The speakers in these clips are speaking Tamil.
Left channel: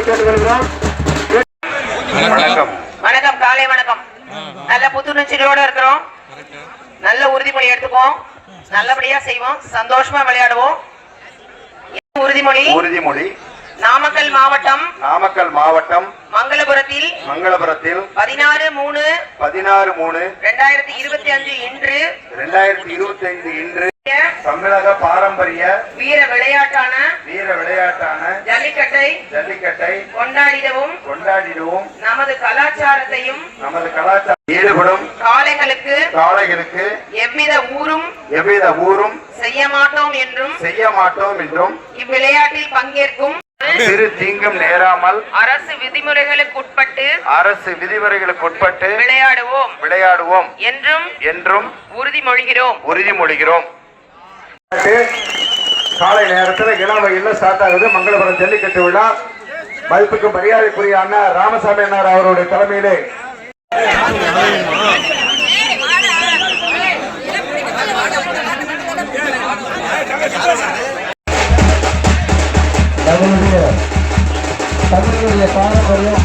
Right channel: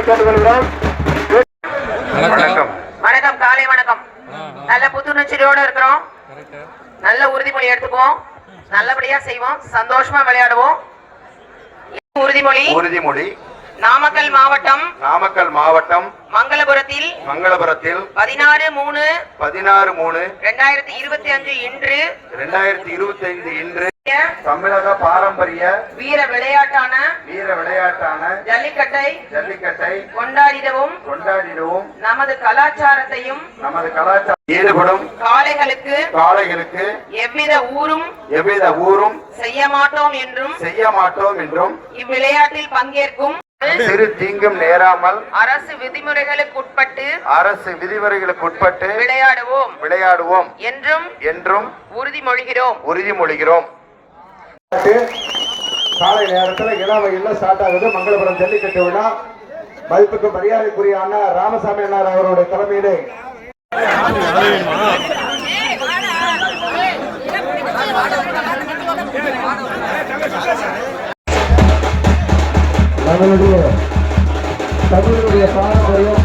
வருமாறு கேட்டுக்கொள்கிறோம் வணக்கம். வணக்கம் காலை வணக்கம். நல்ல புத்துணர்ச்சியோட இருக்கிறோம். நல்ல உறுதிமொழி எடுத்துக்குவோம். நல்லபடியா செய்வோம். சந்தோஷமா விளையாடுவோம். உறுதிமொழி? உறுதிமொழி. நாமக்கல் மாவட்டம். நாமக்கல் மாவட்டம். மங்களபுரத்தில் மங்களபுரத்தில் பதினாறு மூணு பதினாறு மூணு ரெண்டாயிரத்தி இருபத்தி அஞ்சு இன்று இரண்டாயிரத்தி இருபத்தி ஐந்து இன்று தமிழக பாரம்பரிய வீர விளையாட்டான வீர விளையாட்டான ஜல்லிக்கட்டை ஜல்லிக்கட்டை கொண்டாடிடவும் கொண்டாடிடுவோம் நமது கலாச்சாரத்தையும் நமது கலாச்சாரம் ஈடுபடும் காளைகளுக்கு காளைகளுக்கு எவ்வித ஊரும் எவ்வித ஊரும் செய்ய மாட்டோம் என்றும் செய்ய மாட்டோம் என்றும் இவ்விளையாட்டில் பங்கேற்கும் சிறு தீங்கும் நேராமல் அரசு விதிமுறைகளுக்கு உட்பட்டு அரசு விதிமுறைகளுக்கு உட்பட்டு விளையாடுவோம் விளையாடுவோம் என்றும் என்றும் உறுதிமொழிகிறோம் உறுதிமொழிகிறோம் காலை நேரத்தில் இளம் வகையில் ஸ்டார்ட் ஆகுது. மங்களபுரம் ஜல்லிக்கட்டு விழா. மதிப்புக்கு மரியாதைக்குரிய அண்ணா ராமசாமி அண்ணார் அவருடைய தலைமையிலே. நம்மளுடைய தமிழுடைய பாரம்பரியம்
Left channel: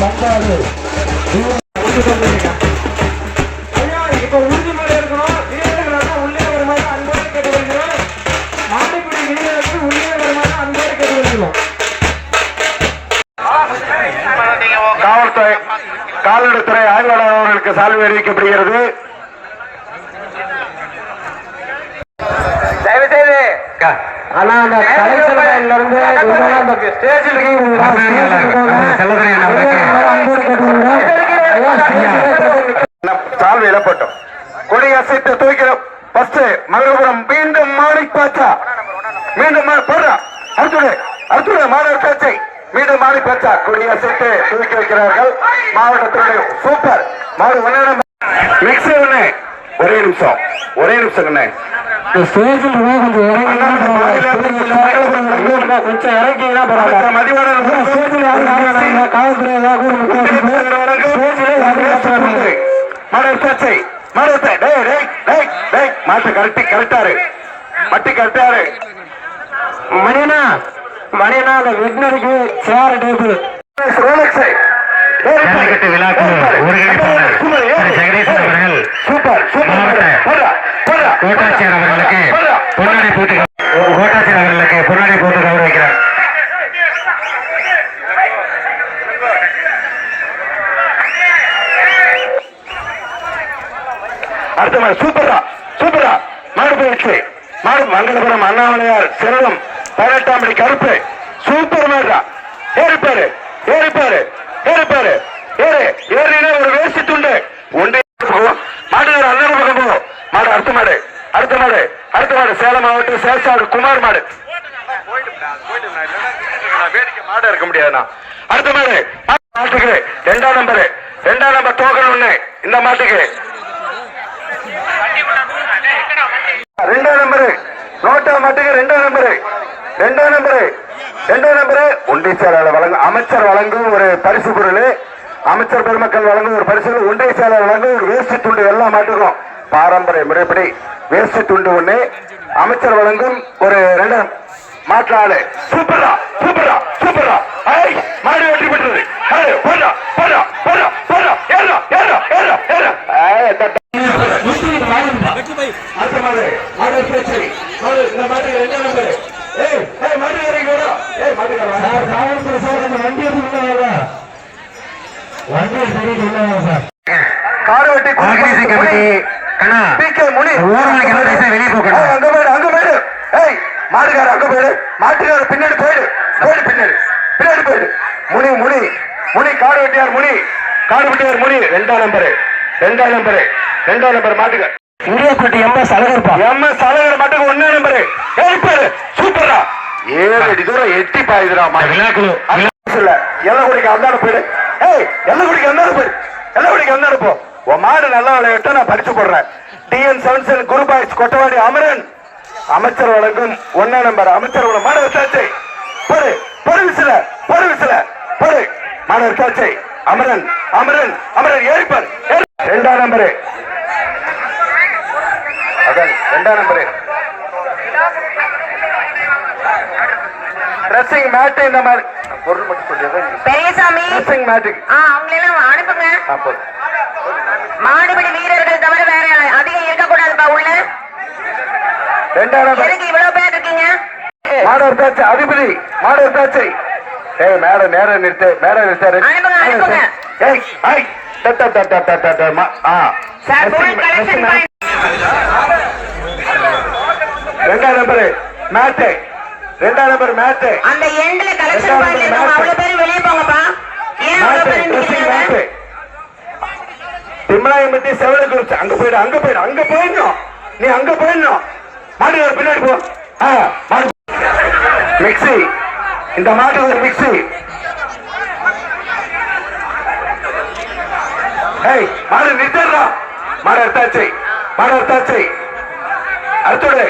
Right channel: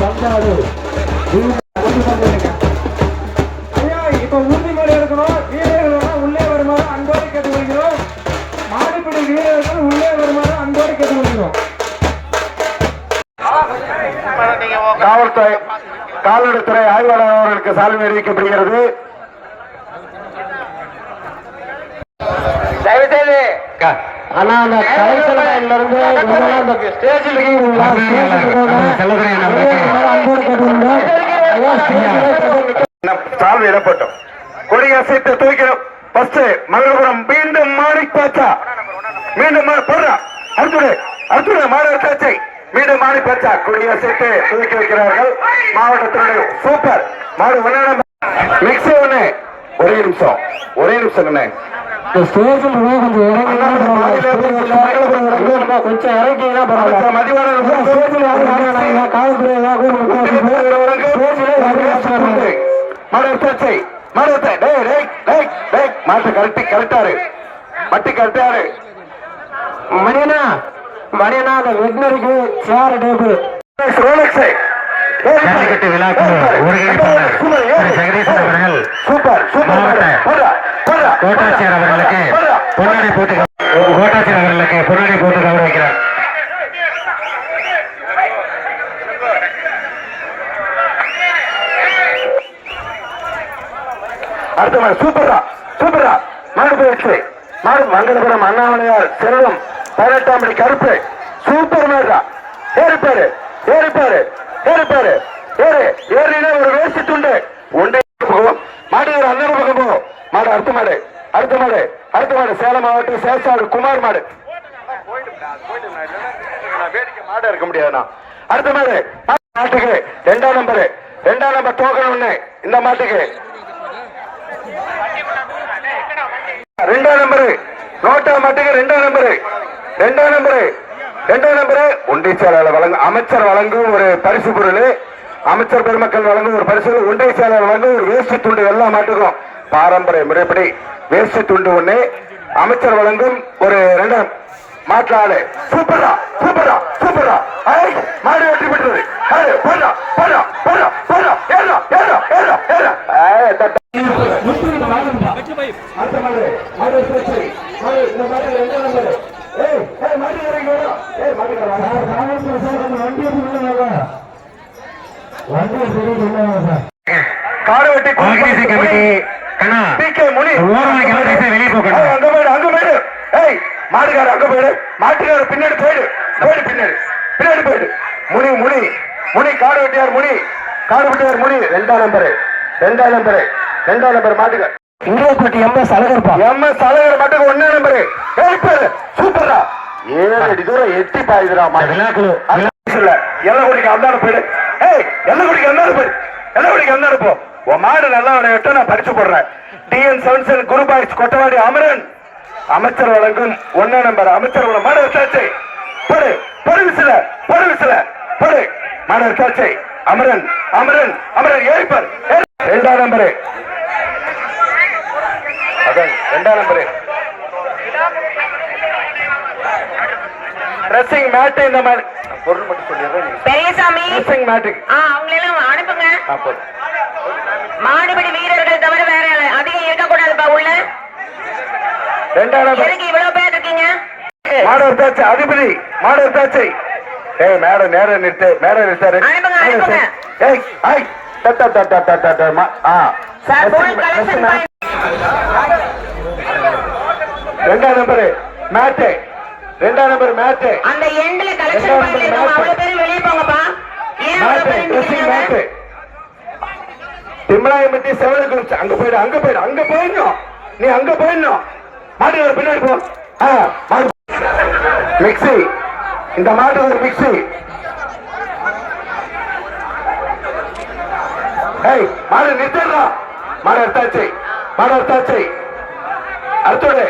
பண்பாடு. சால்வை அறிவிக்கப்படுகிறது தயவு செய்து ஆனா அந்த கலைச்சலையில இருந்து ஸ்டேஜில் சால்வை இடப்பட்டோம். கொடி அசைத்து தூக்கிறோம். ஃபர்ஸ்ட் மங்களபுரம். மீண்டும் மாறி பாச்சா மீண்டும் போடுறா. அடுத்தது அடுத்தது மாணவர் காட்சி மீண்டும் மாறி பாச்சா கொடி அசைத்து தூக்கி வைக்கிறார்கள் மாவட்டத்தினுடைய சூப்பர் மாடு ஒன்னு மிக்ஸ் ஒண்ணு ஒரே நிமிஷம் ஒரே நிமிஷம் இந்த ஸ்டேஜில் கொஞ்சம் பரவாயில்ல. கொஞ்சம் இறங்கினா பரவாயில்ல. மதிவான ஸ்டேஜில் இறங்கினா காவல்துறை மாட்டு கரெக்ட் கரெக்டாரு மட்டி கரெக்டாரு மணியனா மணியனா அந்த வெட்டினரிக்கு சேர டேபிள் ரோலக்ஸை ஜல்லிக்கட்டு விழாக்கு ஒருங்கிணைப்பாளர் திரு அவர்கள். மாவட்ட கோட்டாட்சியர் அவர்களுக்கு பொன்னாடை போட்டு கோட்டாட்சியர் அவர்களுக்கு பொன்னாடை போட்டு கௌரவிக்கிறார் அடுத்த சூப்பரா சூப்பரா மாடு போயிடுச்சு. மாடு மங்களபுரம் அண்ணாமலையார் செல்வம் கருப்பு. சூப்பர் மேடா ஏறிப்பாரு ஏறிப்பாரு ஏறிப்பாரு ஏறு ஏறினா ஒரு வேஸ்ட் துண்டு. ஒன்றே மாடு ஒரு அண்ணன் பக்கம் போ. மாடு அடுத்த மாடு அடுத்த மாடு அடுத்த மாடு. சேலம் மாவட்டம் சேசாடு குமார் மாடு. வேடிக்கை மாடு இருக்க முடியாதுண்ணா அடுத்த மாடு மாட்டுக்கு ரெண்டாம் நம்பரு ரெண்டாம் நம்பர் டோக்கன் ஒண்ணு இந்த மாட்டுக்கு. ரெண்டாம் நம்பரு நோட்டா மாட்டுக்கு ரெண்டாம் நம்பரு ரெண்டாம் நம்பரு. ரெண்டாம் நம்பரு. ஒன்றிய செயலாளர் வழங்கும் அமைச்சர் வழங்கும் ஒரு பரிசு பொருள். அமைச்சர் பெருமக்கள் வழங்கும் ஒரு பரிசு ஒன்றிய செயலாளர் வழங்கும் ஒரு வேஷ்டி துண்டு எல்லா மாட்டுக்கும் பாரம்பரிய முறைப்படி வேஷ்டி துண்டு ஒண்ணு. அமைச்சர் வழங்கும் ஒரு ரெண்டு மாற்று ஆளு. சூப்பரா சூப்பரா சூப்பரா. மாடு வெற்றி பெற்றது போடா போடா போடா போடா ஏறா ஏறா ஏறா ஏறா அடுத்த இந்த மாதிரி ரெண்டு நம்பர் ஏய் ஏய் மாடு இறங்கி வரா ஏய் மாடு சார் காவல்துறை சார் அந்த வண்டியை சொல்லுவாங்க வண்டியை சரி சொல்லுவாங்க சார் காடு வெட்டி ஆர்கனைசிங் கமிட்டி கண்ணா பிகே முனி ஓரமாக எல்லாம் தயவுசெய்து வெளியே போகணும். அங்க போயிடு அங்க போயிடு ஏய் மாடுகார அங்க போயிடு மாட்டுக்கார பின்னாடி போயிடு போயிடு பின்னாடி பின்னாடி போயிடு முனி முனி முனி காடு வெட்டியார் முனி காடு வெட்டியார் முனி ரெண்டாம் நம்பரு ரெண்டாம் நம்பரு ரெண்டாம் நம்பர் மாட்டுக்கார் இந்தியப்பட்டி எம்எஸ் அழகர்ப்பா எம்எஸ் தலைவர் மட்டும் ஒண்ணே நம்பரு ஏய் சூப்பரா ஏழு அடி தூரம் எட்டி பாயுதுடா விழாக்குழு இல்ல. எல்லகுடிக்கு அந்தாடு போயிடு. ஏய் எல்லகுடிக்கு அந்தாடு போயிடு எல்லகுடிக்கு அந்தாடு போ உன் மாடு நல்லா விளையாட்ட நான் பரிசு போடுறேன். டிஎன் செவன்சன் குரு பாய்ஸ் கொட்டவாடி அமரன். அமைச்சர் வழங்கும் ஒன்னா நம்பர். அமைச்சர் மாடு வச்சாச்சு போடு போடு விசில போடு விசில போடு. மாடு வச்சாச்சு அமரன் அமரன் அமரன் ஏறிப்பார் ரெண்டாம் நம்பரு. அதான் ரெண்டாம் நம்பரு. ட்ரெஸ்ஸிங் மேட்டு இந்த மாதிரி. பொருள் மட்டும் சொல்லிடுறேன் பெரியசாமி அவங்களெல்லாம் அனுப்புங்க. மாடுபிடி வீரர்கள் தவிர வேற அதிகம் இருக்கக்கூடாதுப்பா உள்ள எதுக்கு இவ்வளவு பேர் இருக்கீங்க? மாடு எடுத்தாச்சு அதிபதி மாடு எடுத்தாச்சு ஏய் மேடம் நேரம் நிறுத்து மேடம் நிறுத்தாரு. ஏய் ஐய் தட்ட தட்ட தட்ட தட்ட மா ஆ. சார் போய் கலெக்ஷன் பாயிண்ட் ரெண்டாம் நம்பர் மேட்டு. ரெண்டாம் நம்பர் மேட்டு அந்த எண்ட்ல கலெக்ஷன் பாயிண்ட் இருக்கும் அவ்வளவு பேரும் வெளியே போங்கப்பா. ட்ரெஸ்ஸிங் திம்மலாயம்பட்டி செவல குறிச்சு அங்க போயிடு அங்க போயிடு அங்க போயிடணும். நீ அங்க போயிடணும். மாடு ஒரு பின்னாடி போ. மாடு. மிக்ஸி. இந்த மாடு ஒரு மிக்ஸி. ஏய் மாடு நிறுத்திடுறோம் மாடு எடுத்தாச்சு. மாடு எடுத்தாச்சு. அடுத்தது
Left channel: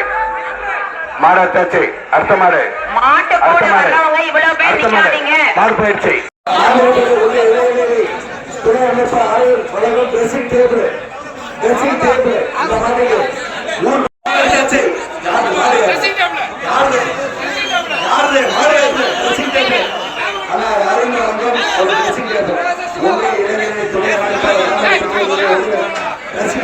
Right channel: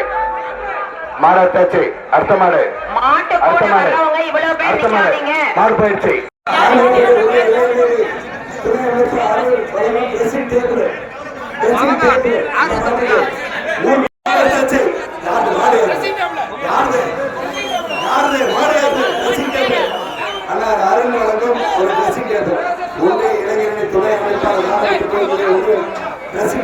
மாடு எடுத்தாச்சு அடுத்த மாடு. அடுத்த மாடு. அடுத்த மாடு. நிக்காதீங்க. மாடு போயிடுச்சு. தங்கம்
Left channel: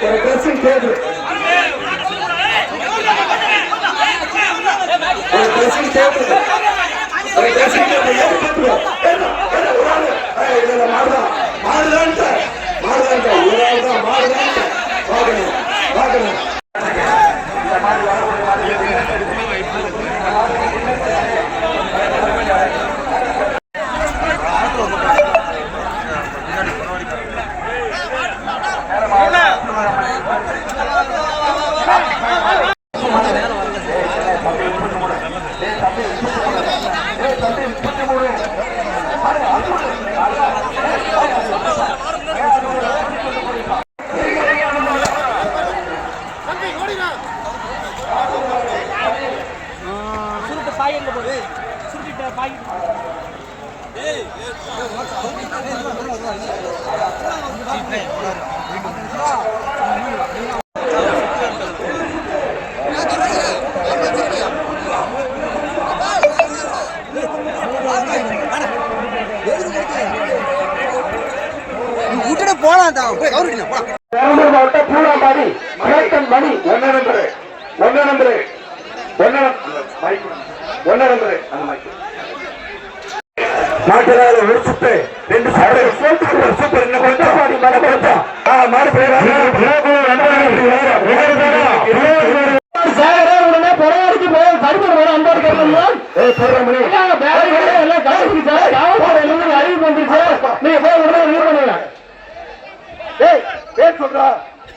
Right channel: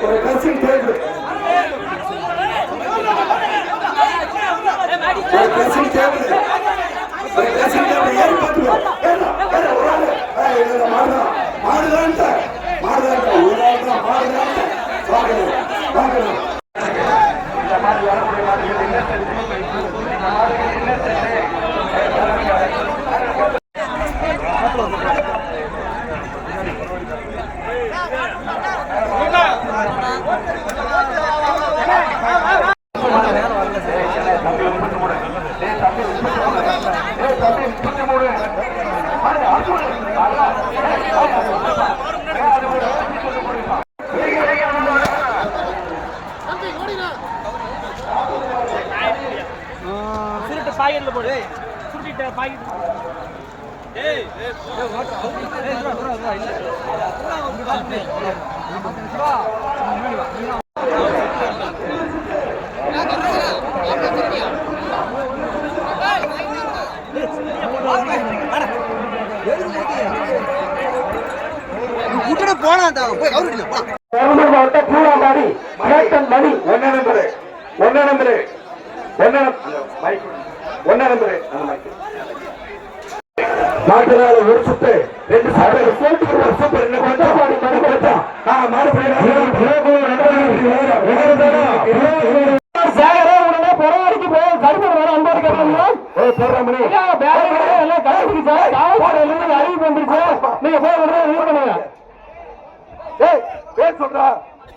ஒரு ட்ரெஸ்ஸிங் டேபிள் ஒரு ட்ரெஸ்ஸிங் டேபிள் ஒரு ட்ரெஸ்ஸிங் டேபிள் ஏறி பார்த்துக்கோ ஏறா ஏறா ஒரு ஆளு ஏய், இல்ல, மாடுதான் மாடுதான்ட்ட மாடுதான்ட்ட ஒரு ஆள் தான் மாடுதான்ட்ட வாங்கணும் வாங்கணும் சுருட்டு பாக்கெட்ல போடு. சுருட்டிட்ட பாக்கெட் ஏய் பெரம்பலூர் மாவட்டம் பூராம்பாடி மலைக்கன் மணி ஒன்னு நம்பரு ஒன்னு நம்பரு ஒன்னு ஒன்னு நம்பரு. அந்த மைக்கு மாட்டுறாரு ஒரு சுத்து ரெண்டு சுத்து சூப்பர் இன்னும் கொஞ்சம் மாடி மாடு கொஞ்சம் ஆ மாடு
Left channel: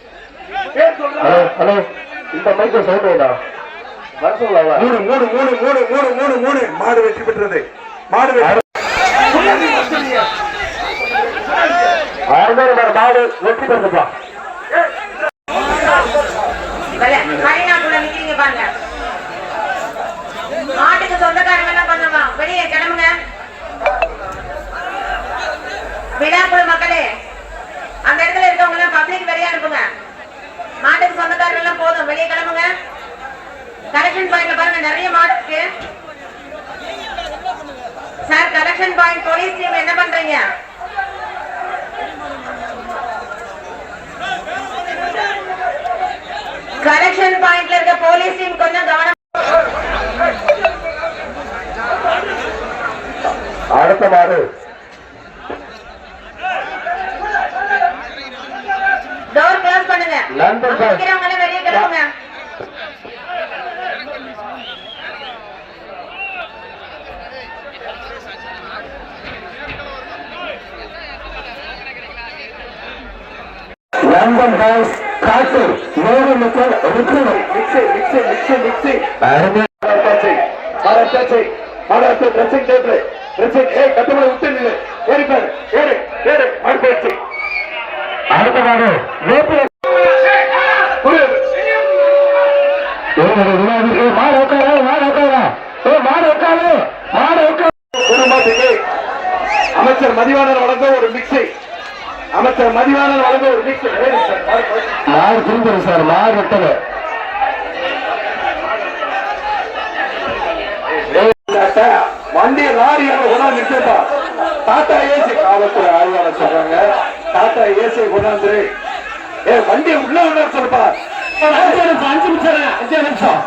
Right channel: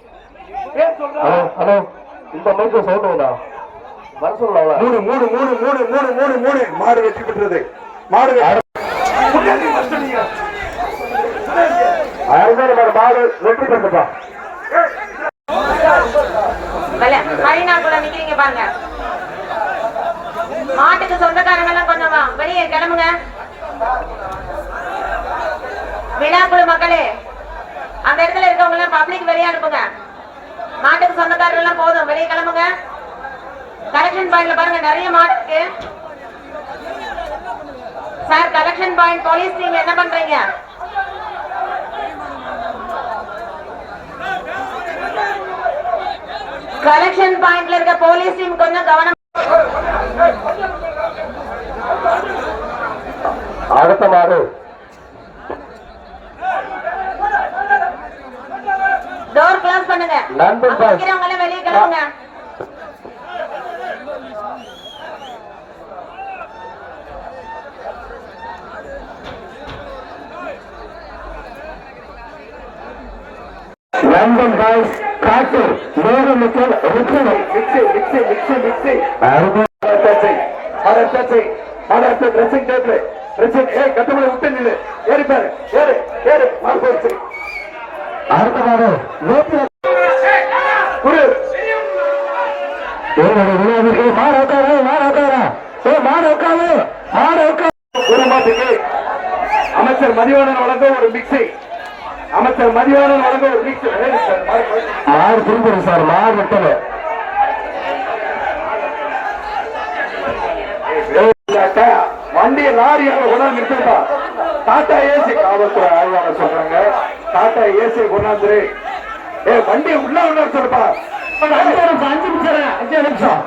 ஹலோ ஹலோ இந்த மைக்கு சவுண்ட் வேண்டாம் மூணு மூணு மூணு மூணு மூணு மூணு மூணு மாடு வெற்றி பெற்றது. மாடு வெற்றி மாடு வெற்றி பெற்றதா? மணிநாக்குள்ள நிக்கிறீங்க பாருங்க. மாட்டுக்கு சொந்தக்காரங்க எல்லாம் பண்ணலாம் வெளியே கிளம்புங்க. விழாக்குழு மக்களே அந்த இடத்துல இருக்கவங்க எல்லாம் பப்ளிக் வெளியே அனுப்புங்க. மாட்டுக்கு சொந்தக்காரங்க எல்லாம் போதும். வெளியே கிளம்புங்க. கலெக்ஷன் பாயிண்ட்ல பாருங்க நிறைய மாடு இருக்கு. Sir collection point police team என்ன பண்றீங்க? கலெக்ஷன் பாயிண்ட்ல இருக்க போலீஸ் டீம் கொஞ்சம் கவனம் அடுத்த மாடு டோர் க்ளோஸ் பண்ணுங்க லண்டன் பாய். வெளியே கிளம்புங்க. லண்டன் பாய்ஸ் காட்டூர் நூறு மக்கள் மரத்து ட்ரெஸ்ஸிங் டேபிள் ட்ரெஸ்ஸிங் ஏய் கட்டுமலை விட்டு நில்லு ஏறி பாரு ஏறு ஏறு மரத்தாச்சி அடுத்த மாடு வேப்பில குரு மாடு உட்காரு மாடு உட்காரா ஏ மாடு உட்காரு மாடு உட்காரு குருமாட்டுக்கு அமைச்சர் மதிவாணன் வழங்க ஒரு மிக்சி அமைச்சர் மிக்சி மாடு திரும்புது சார் மாடு வெட்டல வண்டி லாரி கொண்டாந்து நிறுத்தப்பா டாடா ஏசி காவல்துறை ஆய்வாளர் சொல்றாங்க. டாடா ஏசி கொண்டாந்து ஏ வண்டி உள்ள உள்ள சொல்லுப்பா. அஞ்சு நிமிஷம் அஞ்சு நிமிஷம் அஞ்சு நிமிஷம்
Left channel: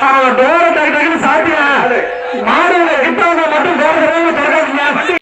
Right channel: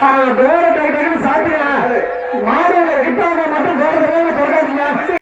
டோரை டக்கு டக்குன்னு சாத்தியா மாடு கிட்ட மட்டும் டோர் திறக்காதீங்க